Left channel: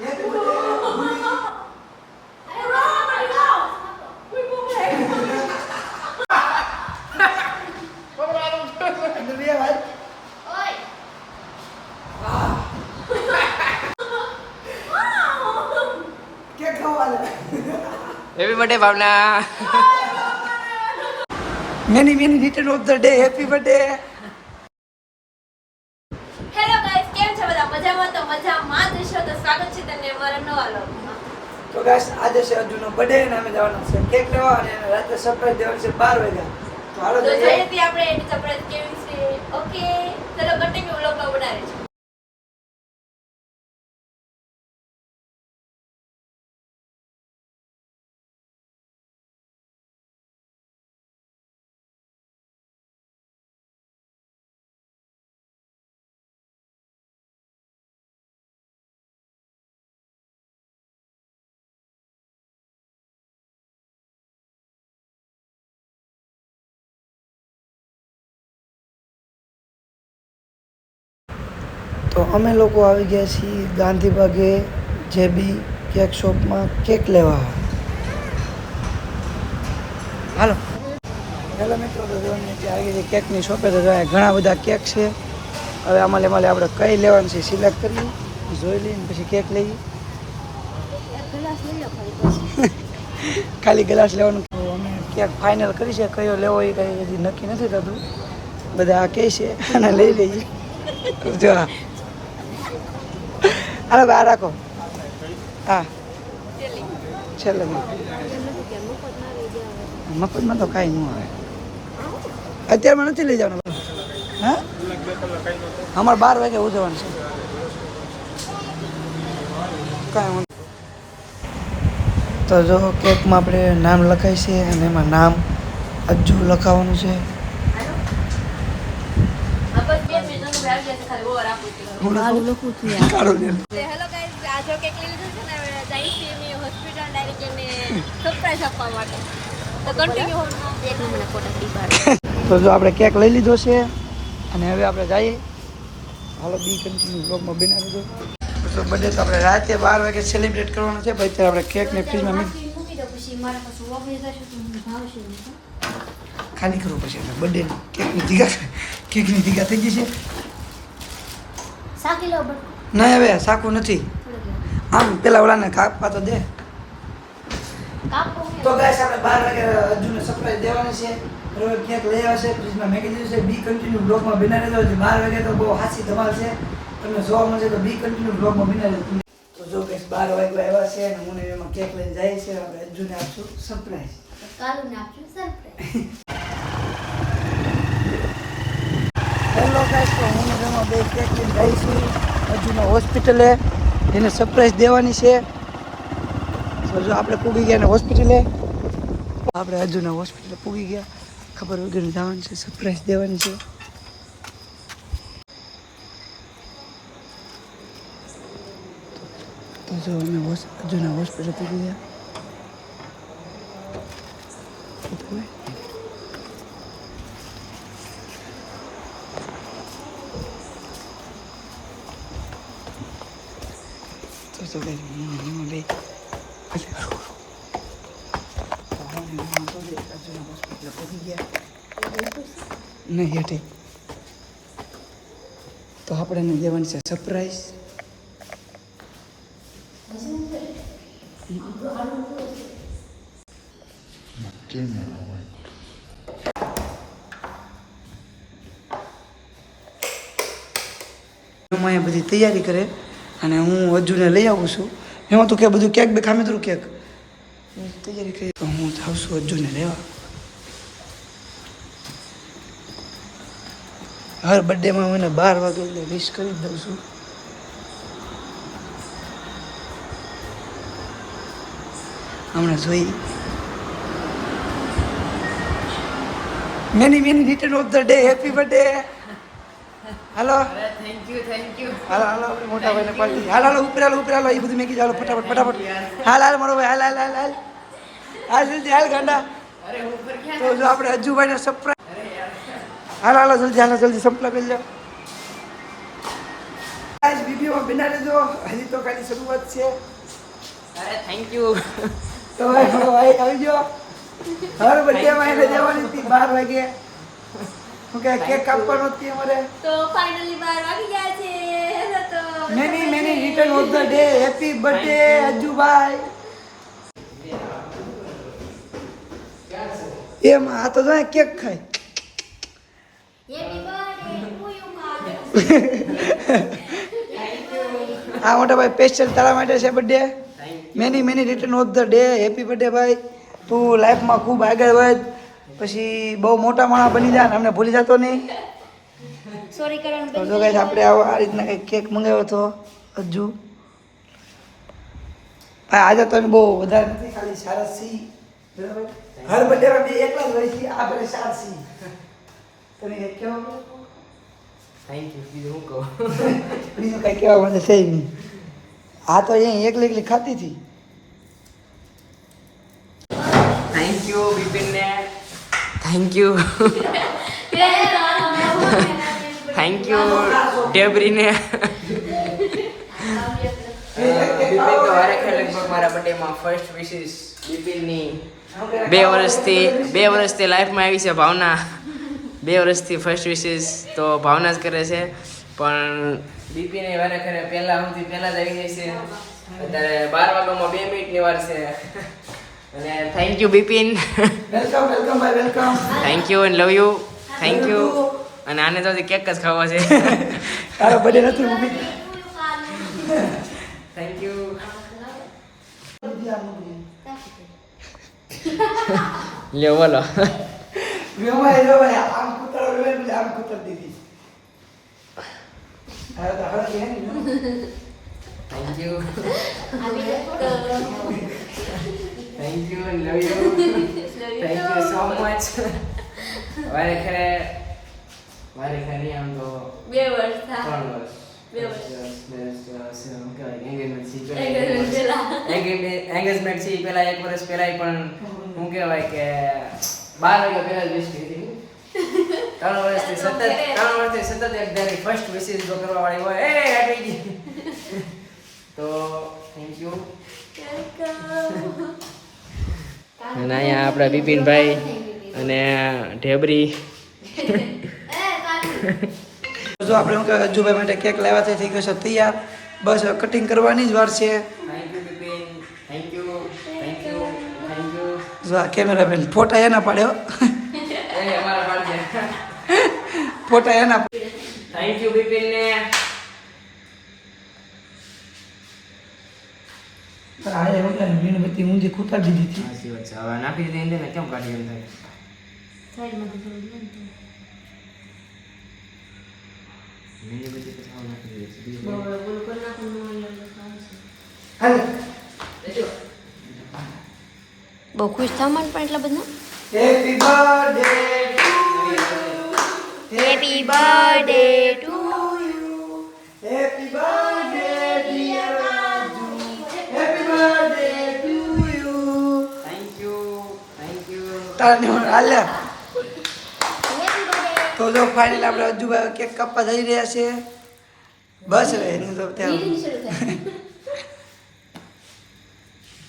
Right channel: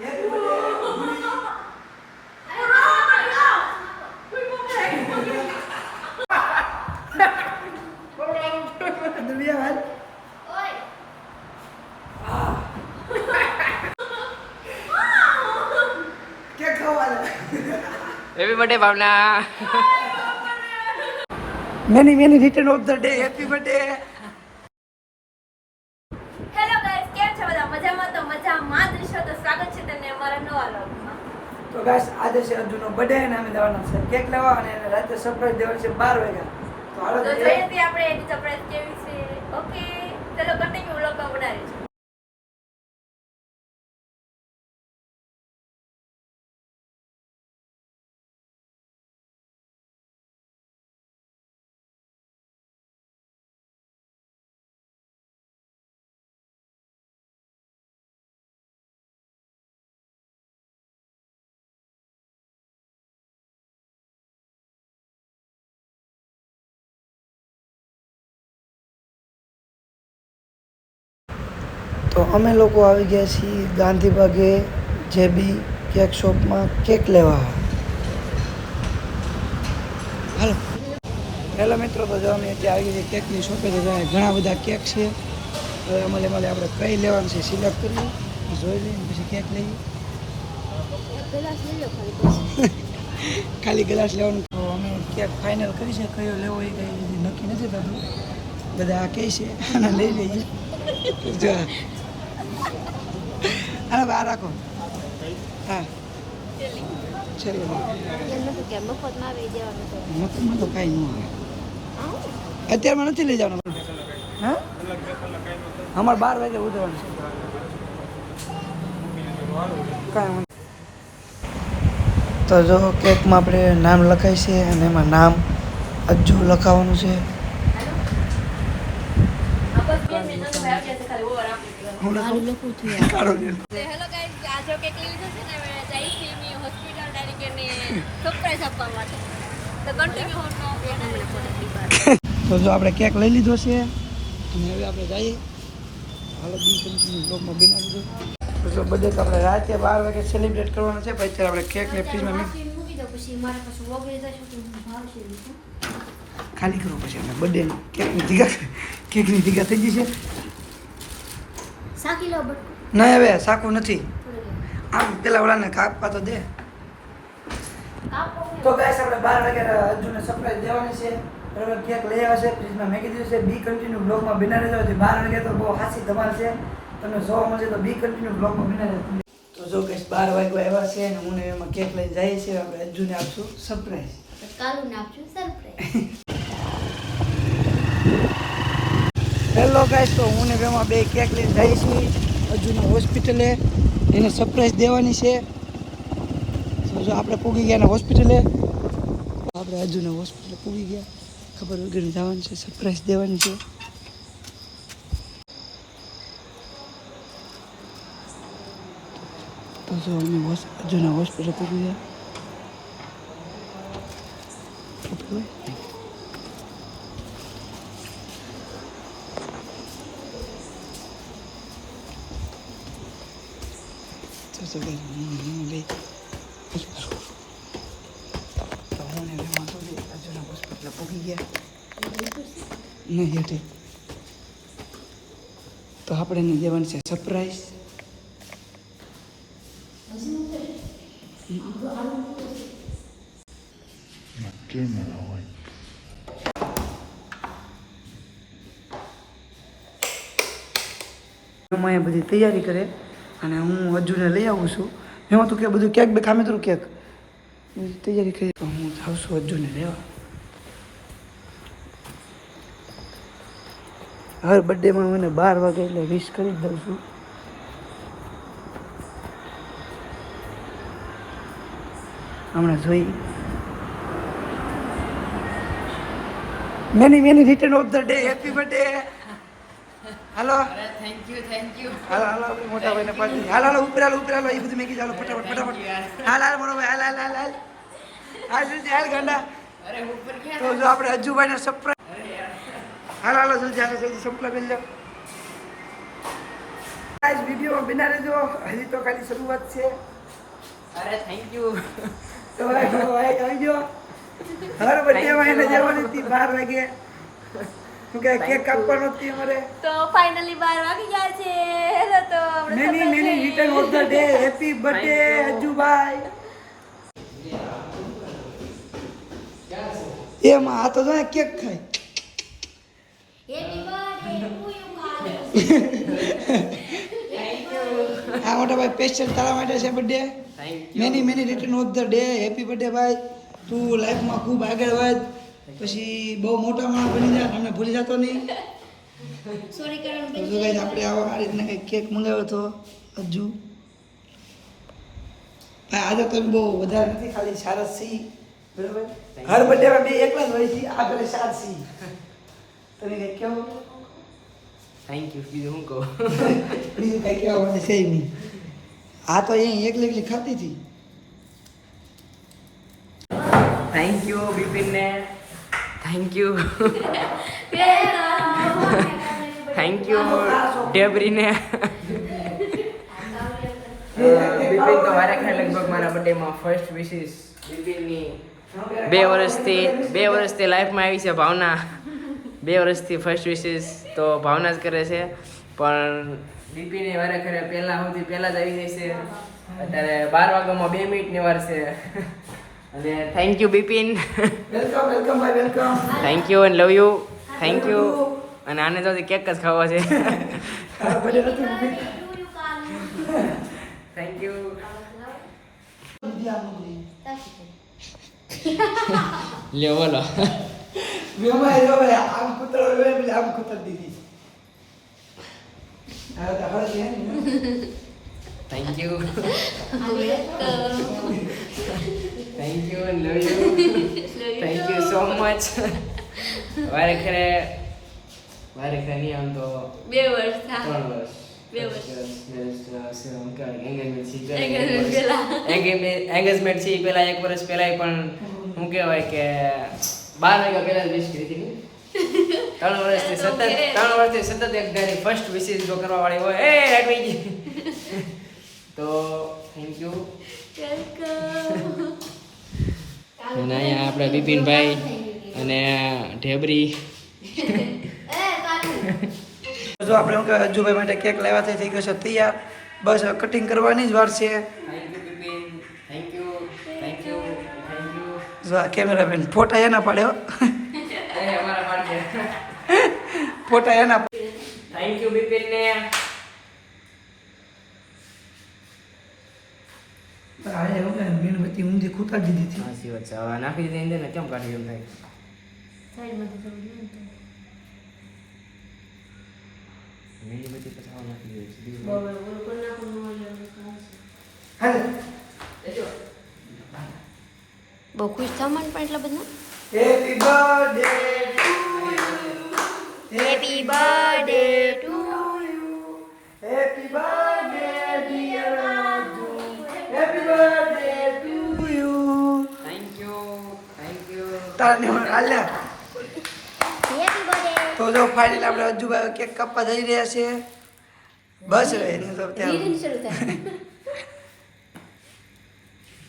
Happy birthday Bhavna. Many many return of the day. Happy birthday. Hello guys, કેમ છો બધા? મજામાં? તો મજામાં જ છો. તો સ્વાગત છે તમને અમારા નવા વ્લોગમાં. તો ગાઈસ આજે છે અર્જુનનો બર્થડે અને અમે જવાના છે કેક લેવા અને રાત્રે સરપ્રાઈઝ દેવાની છે 12 વાગ્યા. તો હાલો તો જોઈએ છીએ આપણે એની સરપ્રાઈઝ કેવી છે. ઓકે, ચલો કન્ટિન્યુ વ્લોગમાં બનાવીએ છીએ. તો અમે લોકો આવી ગયા છીએ ગાંધીબાગે જેબી કેક શોપમાં કેક લેવા. હાલો. હેલો મિત્રો, તો જો ને ત્યાં આવી ગઈ છે કેકની શોપે. તો જો ઘણા બધા કેક છે. હવે આમાં આપણે કઈ લેવાનું છે સિલેક્ટ કરીએ, જોઈ લઈએ પછી કેક લઈએ. ખાલી ગ્લાસ લેવાનું. તો અમે કેક ફાઇનલ કરી છે, કયો લેવો એ કંઈ હજી નક્કી નથી થતું. બધા આ કહે છે અને લઈ લઈએ. જો હાલો બહાર રાખો. હા છેલ્લે મફતમાં તો કાંઈ ન આવે. અત્યારમાં નથી લઈ જવાનું. હા અમારે 12 વાગે ઉજવવાનું છે. કાંઈ વાંધો. તો જો કેકમાં આપણે નામ લખાય છે અને એમાં નામ અજ્જુ લખાવવાનું છે. હેલો ગાઈસ, આ જો કેક લીધું છે ને, હવે જઈશ મી હોસ્પિટલ ડાયરેક્ટ એને સરપ્રાઈઝ આપવા માટે. તો કન્ટિન્યુ હોનો. તો જો આપણે કેક લઈ લીધો છે અને હવે આપણે જઈએ. હાલો બી કન્ટિન્યુ બ્લોગમાં બનાવી દીધો. તો બર્થડે તો આપણે રાતે 12 વાગે સેલિબ્રેટ કરવાનો છે. પછી અત્યારે આપણે કેકને ફ્રીજમાં ખાલી કરવું પછી આપણે બર્થડેની કેકની દીગા થઈ ગઈ છે. નહીં હવે સાકું નથી. આમ પેલા ઓલાને કાપવા તો દે. તો ગાઈસ આપણે 12 વાગે અર્જુનને સરપ્રાઈઝ દેવાની છે. બરાબર, કેક લઈ આવે છે, ફ્રીજમાં મેકી દીધું છે. બી કન્ટિન્યુ બ્લોગમાં બનાવી દેજો. 12 વાગે તો બહુ હાસી ધમાલ છે. તમને જોવા મળશે તો બી કન્ટિન્યુ બ્લોગમાં બનાવી દેજો. તો જો ગાઈસ 12 વાગે આવ્યા છે અને હું એમાં કેક લઈને જઈએ છીએ. આપણે અર્જુનને આપશું સરપ્રાઈઝ. કાલુને આપશું સરપ્રાઈઝ. હેલો ગાઈસ, તો હું ને એમાં બે કેક લઈને જઈશું અર્જુનના હોસ્પિટલે. એને સરપ્રાઈઝ દેવાની છે. તો જો આપણે પૂગી ગયા ને હોસ્પિટલે. આપણે અર્જુનના હોસ્પિટલે પૂગી ગયા. ખબર વગર જવાનું છે, સરપ્રાઈઝ દેવાની છે. તો જો અમે અર્જુનના હોસ્પિટલે પૂગી ગયા. તો બે અર્જુનના હોસ્પિટલે પૂગી ગયા. નહીં હેઠે તો આપણે એને દેવાની છે સરપ્રાઈઝ. અહીંયા બધી તૈયારી કરે અને હું અર્જુનને લઈ આવું છું. એમાં તો કે બધું કેક બે ખામે તરું કેક તૈયારી કરી. તો હું જાઉં છું અર્જુનને લેવા. હર બર્થડેમાં હું એને 12 વાગે એટલે વિશ કરી જ દઉં છું. હમણાં જોઈ many many return of the day. Happy birthday. હાલો થેન્ક યુ. હાલો હાલો આપણે મોટા ભાઈને પાડી. હાલો ઉપર હાલો એ બધું મેં કીધું. હાલો ફટાફટ. હાલ મારો ભાઈ હાલ જલ્દી હાલ ગાંડા. તો જો આપણે અજ્જુભાઈને સરપ્રાઈઝ. હાલો જલ્દી જલ્દી સંપલા કરી લો. આજ વિડીયોમાં બિના રહેજો, હજી તો ખાલી શરૂઆત છે. અરે થેન્ક યુ. તો ભાઈ આવી ગયો. હર બર્થડેમાં એને જવાની હતી 12 વાગે. હું કે કેક કાપવાનો હતી અમારે. તો ફાઇનલી 12 વાગી ગયા છે. તો many return of the day. Happy birthday અજ્જુભાઈ. એમાં આ તો જો કેક ખાય. હેપી બર્થડે ટુ યુ આ મોટા ભાઈ સ્પેશિયલ તારા માટે છે birthday. Many return of the day. Happy birthday ભાઈ. તું લાઈફમાં ખૂબ આગળ વધ, પછી બહુ મોટા માણસ બની જા, અમને ભૂલી જતો નહીં. સોરી કરણ તો જો ગાઈસ આપણે આ રીતના કંઈક કેક મંગાવ્યો હતો અજ્જુ ભાઈ. આજે તમે બહુ વધારે નથી, ખાલી સારા સી બરાબર. હર બર્થડેમાં બે એકલા જ હોય છે, આ પેલે 4 સી. તમે કંઈક કહો. Thank you. બીજું હું કહું? બીજું કંઈ કહેવા માટે છે નહીં. આ તો અહીંયા એકલી ખાતી હતી. થેન્ક યુ બિપિનને. Thank you. થેન્ક યુ ડેબરીને. બિપિન તો મારા ખ્યાલ લગભગ મારા બર્થડેમાં ફર્સ્ટ વિશિસ બિપિનની 2 વર્ષથી લાઈફમાં આવી છે ભાવના. 2 વર્ષથી ફર્સ્ટ વિશિસ તો ભાવના જ કરે છે, પણ બિપિને વારે ખરે પહેલાં જ આવી જાય છે. અત્યારે 12 વાગ્યામાં 2 મિનિટની વાર છે. અને થેન્ક યુ બિપિન. વેલકમ ભાઈ, welcome. Thank you and love you. Thank you. અને આને તો કેક જ ખાવા છે. તારો બર્થડે નથી મૂકી. Thank you. લ્યો બોલો. વેમાં એલો આમ કૂતરો વેલે આમ કૂતર દીધી. આ તો હવે છે ને. Thank you. Thank you and love you. Thank you so much. વારે ખરે નહીં આમ તો 2 વર્ષ થા 3 વર્ષ. 2 વર્ષ. એંગેજમેન્ટ છે પેલા 1 વર્ષ પહેલા પણ શું કહેવાય કે 12 વાગ્યા પહેલા જ વિશ કરી હતી. 3 વર્ષથી સતત એક ધારી ફર્સ્ટ વિશિસ જો કરવા વાળી હોય એ આવી ગઈ. તો થેન્ક યુ. અને અહીંયા આપણા બિપિનભાઈ અને ઢેબરી. જો આપણે હું કહેવાય અજ્જુભાઈ માટે કેક લાવ્યા છે, થઈ ગયો છે તૈયાર. બસ કટિંગ કરવાની જ વાર છે. Thank you Bipin. Thank you. Thank you. Thank you. જો આ કેમેરામેન ફોટા એના પાડ્યો. એ અમારા પાડે. ફોટા એના થેન્ક યુ બિપિન ને. આ એ વગર મીણબત્તી ઊંધી ખૂતા દીધી હતી. સાચી વાત છે. હવે નાખી દીધી ને કેમ કાઢી એમ થાય. મીણબત્તી પછી આવું નાખી દીધી છે. હાલે. બહુ ખુશ થવા પણ એટલા બધા. Happy birthday to you. Happy birthday to happy birthday dear Raju. Happy birthday to you. Thank you. Thank you. તારે હાલે. તો જો ફાઇનલ આપણે અજ્જુભાઈ કેક કાપવા જઈ રહ્યા છે. બસ હવે એનું તો ત્યાં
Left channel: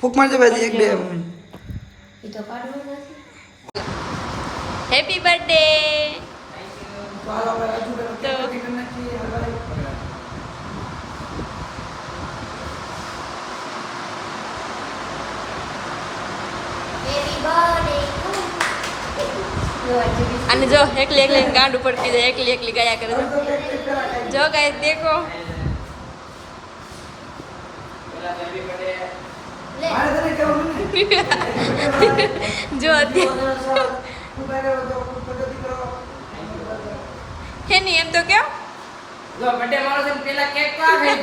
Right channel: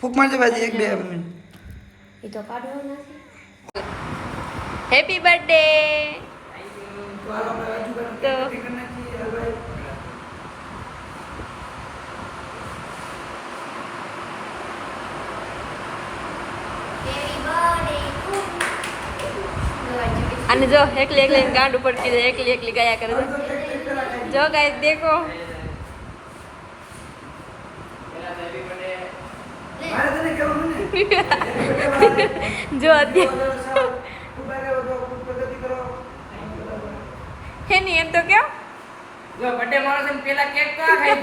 ફૂક મારજો ભાઈ 1-2 મિનિટ. Happy birthday. તો હાલો આપણે અજ્જુભાઈનું તો કેક કરી નાખીએ. હવે અને જો એકલી ગાંડ ઉપર કીધે એકલી ગાયા કરે છે. જો ગાઈસ દેખો. મારે તને કહેવાનું નહીં. જો અત્યારે હે નહીં એમ તો કેમ જો બર્થડે મારો છે ને પેલા કેક કા ખાઈ.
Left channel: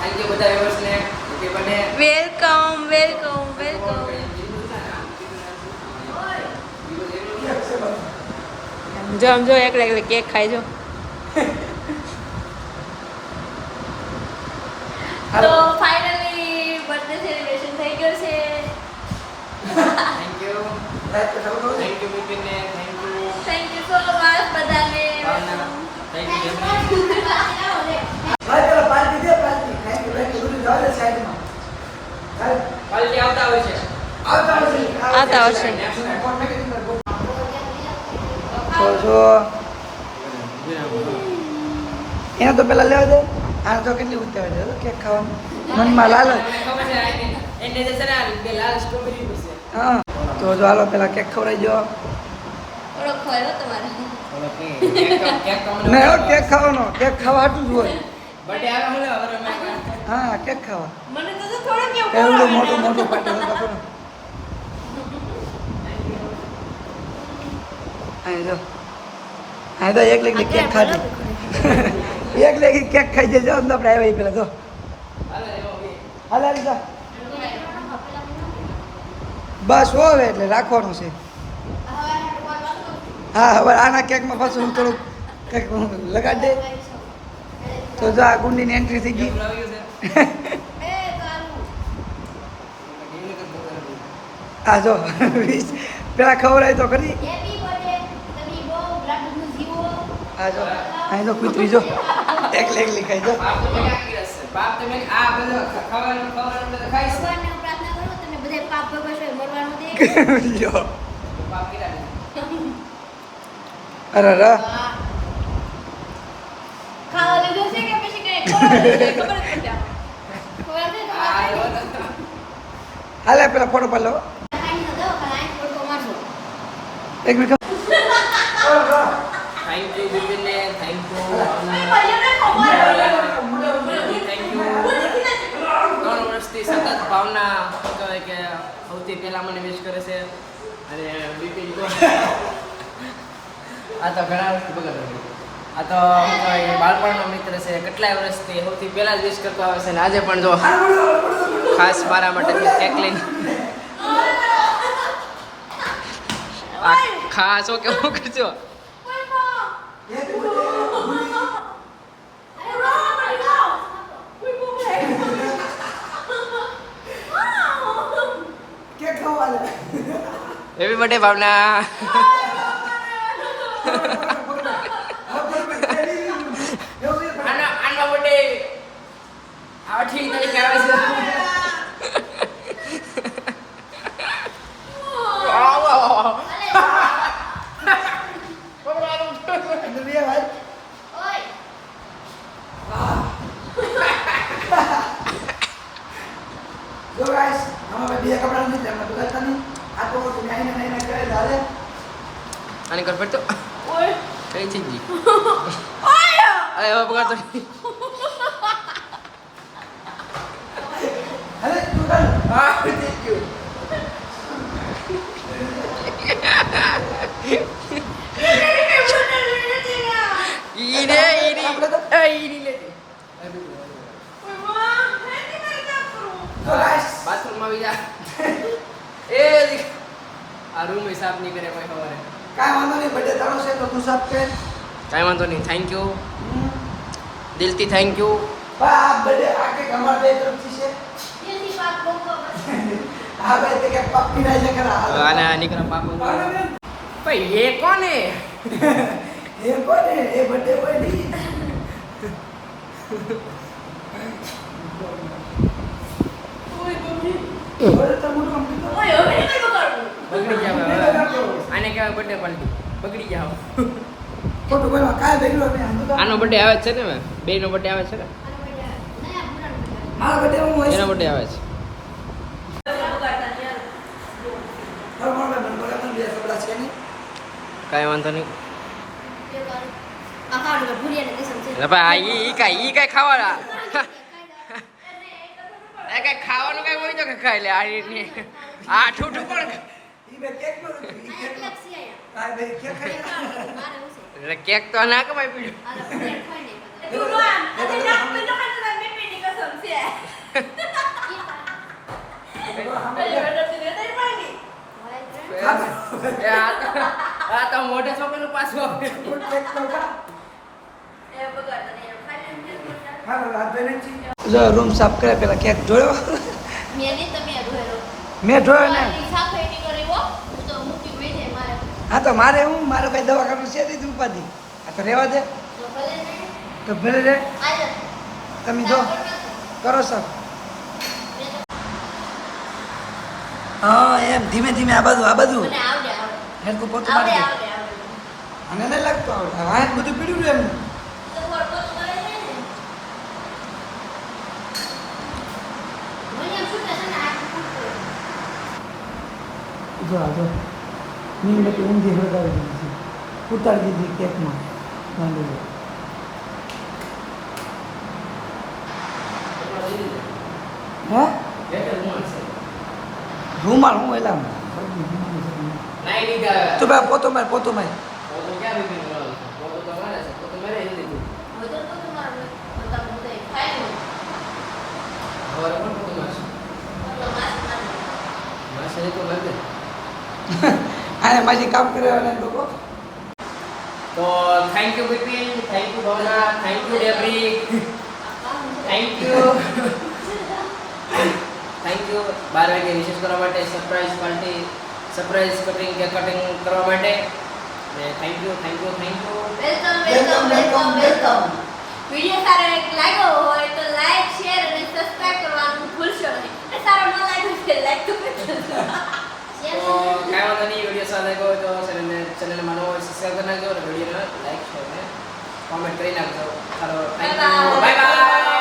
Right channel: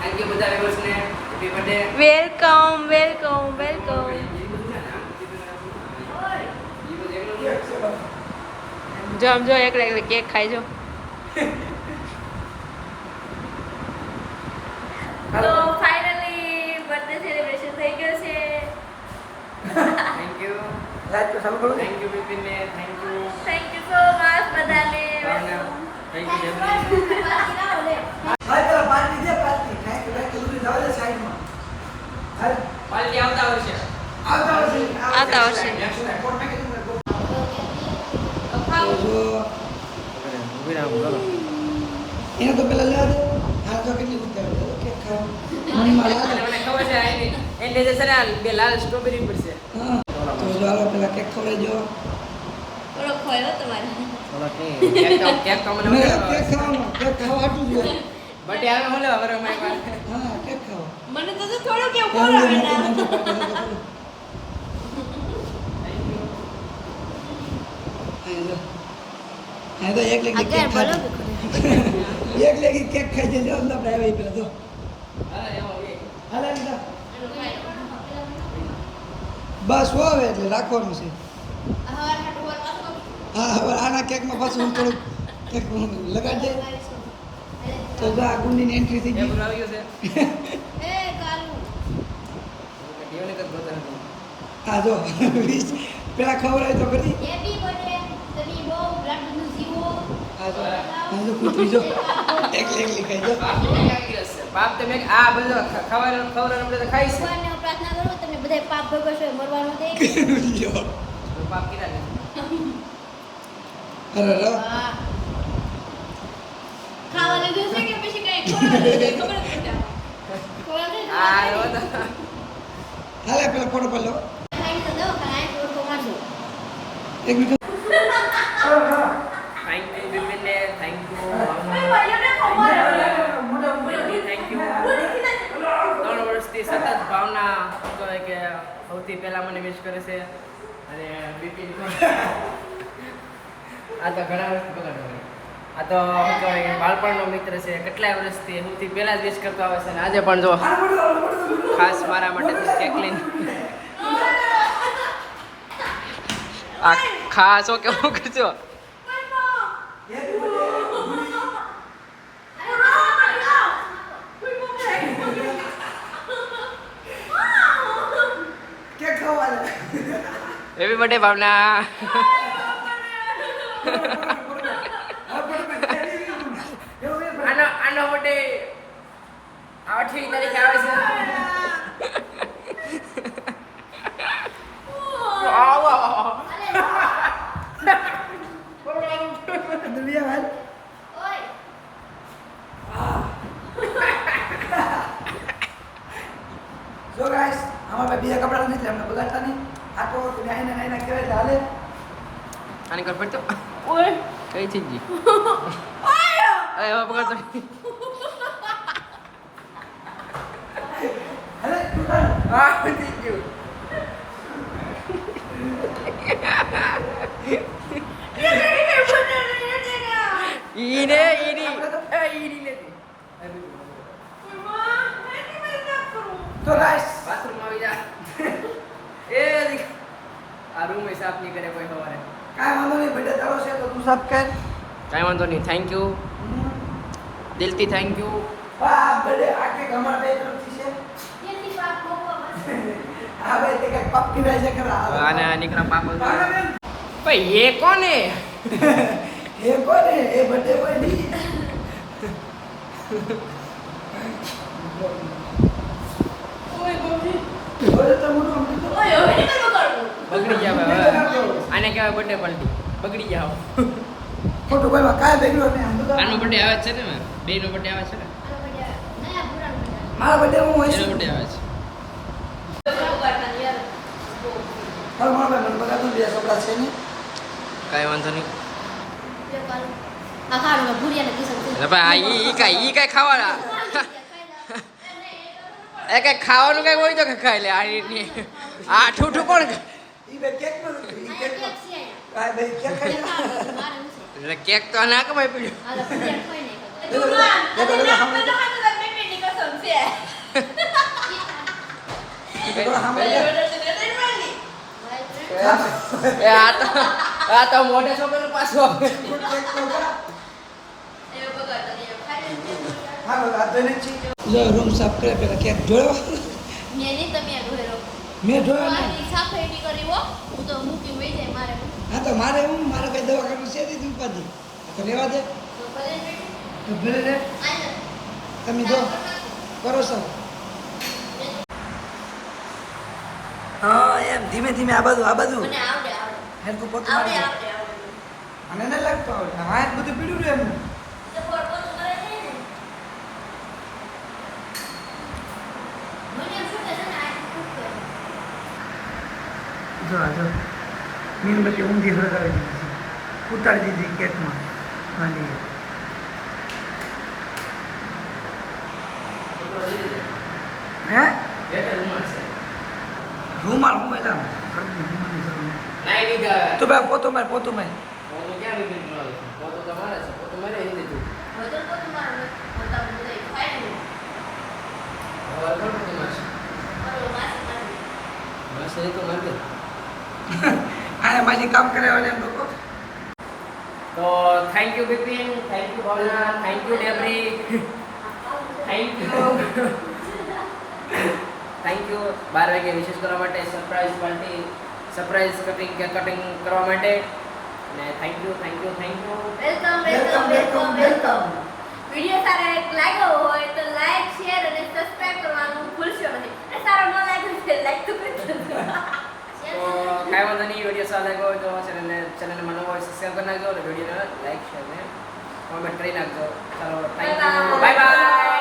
થેન્ક યુ બધા વ્યુઅર્સ ને. Happy birthday. વેલકમ. જો આમ જો એકલા કેક ખાઈ જો. તો ફાઇનલી બર્થડે સેલિબ્રેશન થઈ ગયો છે. થેન્ક યુ બિપિનને, થેન્ક યુ સો મચ બધાને. થેન્ક યુ ભાઈ પેલા પાર્ટી દે પાર્ટી થેન્ક યુ ભાઈ બધું જાવ દે સાઈડમાં પાર્ટી આવતા હોય છે. આવતા હશે. તો જો એને તો પેલા લેવા દે આ તો કેટલી ઉતાવળ છે કેક ખાવા મનમાં લાલચ ખબર છે એને જે છે ને બે લાલ સ્ટ્રોબેરી પડશે. હા તો જો હાલો પેલા કેક ખવડાવી જો થોડો ખોયો તમારે. કેક તો મને નહીં કેક ખાવાનો કેક ખાવા હાટું જ હોય બર્થડે આવે હું લેવા બરાબર હા કેક ખાવા મને તો થોડો કેવું એવડું મોટું મોટું પાટે તો ખરું અહીં જો અહીં તો એક લેખી કેક ખાધી એક લેખી કેક ખાઈ જજો અંદર આપણે આવ્યા પેલા તો હાલ લીધા બસ હોવે એટલે રાખવાનું છે હા હવે આના કેકમાં પાછું હું થોડુંક કંઈક લગાડી દે તો જો આ ગુંડીની એન્ટ્રી થઈ ગઈ હા જો પેલા ખવડાય તો ખરી હા જો અહીં તો કૂતરી જો એકલી એકલી ખાઈ જો પાપ તમે આ બધું ખાવાનું તો ખાઈશ પ્રાર્થના કરો તમે બધા પાપ ભોગવશો મરવાનું દે. લ્યો પાપ કીધા ને અરે રા ખાવા લીધું છે કે પછી કઈ ખબર જ નથી આ હાલે પેલા ફોટો પાડ લો એક મિનિટ થેન્ક યુ બિપિનને, થેન્ક યુ થેન્ક યુ 3 વર્ષથી સતત ભાવના શું કહેવાય કે સૌથી પહેલા મને વિશ કરે છે અને બિપિન તો આ તો ઘણા વર્ષથી બગાડ આ તો શું કહેવાય બાળપણનો મિત્ર છે કેટલાય વર્ષથી સૌથી પહેલા જ વિશ કરતો આવે છે અને આજે પણ જો ખાસ મારા માટે કેક લઈને આ ખાસ હો કેવું કરજો કેક ખાવા લે હેપી બર્થડે ભાવના આનો બર્થડે 8મી તારીખે આવે છે આવ આવ દુનિયા જો ગાઈસ આમાં બે કપડા નથી એટલે અમને બગાડતા નહીં આ તો તમે આઈને નાઈના કરે હાલે આને કર પડતો કઈ થઈ ગઈ અરે હવે પકડતો હાલે તું ચાલ હા થઈ ગયું ઈને ઈની ઈની લે તો ગાઈસ બાથરૂમમાં આવી જા એ આ રૂમ હિસાબ નહીં કરે કોઈ ખબર કાંઈ વાંધો નહીં બર્થડે તારો છે તો તું સબ કર કાંઈ વાંધો નહીં થેન્ક યુ દિલથી થેન્ક યુ આ બર્થડે આ કે અમાર બે તરફથી છે આ બે કે પાપી રહી છે ખરા આને નીકળા પાપ ભાઈ એ કોને એ કોને એ બર્થડે કોઈ નહીં ઓય તો મોટું કમ્પ્લીટ બગડી જાવ હવે આને કહેવાય બર્થડે પાર્ટી બગડી જાવ ખોટું કોઈ કાંઈ ભેગલું નહીં આનો બર્થડે આવે છે ને બેનો બર્થડે આવે છે ને મારા બર્થડે હું એનો હોઈશ બર્થડે આવે છે મારા મને બગાડતા બે કપડા છે ને કાંઈ વાંધો નહીં ભૂલિયા ભાઈ ઈ કાંઈ ખાવાના એ કાંઈ ખાવાનું કાંઈ હોય તો કે ખાઈ લે આ ઠૂઠું કોણ ઈ બે કેક પર ઈ કેક કાંઈ ભાઈ કેક ખાઈ એટલે કેક તો ના કમાઈ પડ્યું આ તો મોઢે છોકરીનું પાછું આવે જો રૂમ સાફ કરે પેલા કેક જોયો મેં નહીં તમે ધોયેલો મેં જોયો ને સાફે નીકળી હો હું તો મૂકી વહી જાય મારે હા તો મારે મારે કઈ દવાખાનું છે નહીં ઉપાધિ આ તો રહેવા દે તો ભલે તો ભલે રે આજ તમે જો કરો સર હા એમ ધીમે ધીમે આ બધું મને આવડે હેરકું પોતું મારી દે આવડે અને નહીં લાગતું આવડે હા જ બધું પીડ્યું રહ્યું એમને તો વળતો તો કરે નહીં ને મને એમ શું કહે છે ને આ ફૂટે જો મીણબત્તી ઊંધી હળગાવી દીધી છે ઉતારી દીધી કેકમાં માંડી હે રૂમાલ હું એલા તો ભાઈ પોતો માય હવે તો તમારે પોતા બધે ખાઈ લો આ માજી કામ કરે એમ લોકો તો thank you Bipin, thank you Bhavna, thank you Debri, thank you 12 વાગે વિશેષ કરવા માટે સરપ્રાઈઝ પાર્ટી, સરપ્રાઈઝ કટિંગ કરવા માટે અને થેન્ક યુ વેલકમ વિડિયો સારો લાગ્યો હોય તો લાઈક શેર અને સબસ્ક્રાઇબ કરવાનું ભૂલશો નહીં અને સારો ન લાગ્યો તો લાઈક તો કરજો તો કાંઈ વાંધો નહીં. વિડીયો સારો લાગ્યો હોય તો ચેનલને નવો હોય સબસ્ક્રાઈબ કરી નાખજો અને વિડીયોને લાઈક શેર અને કોમેન્ટ કરી નાખજો. ચાલો થેન્ક યુ, બાય બાય.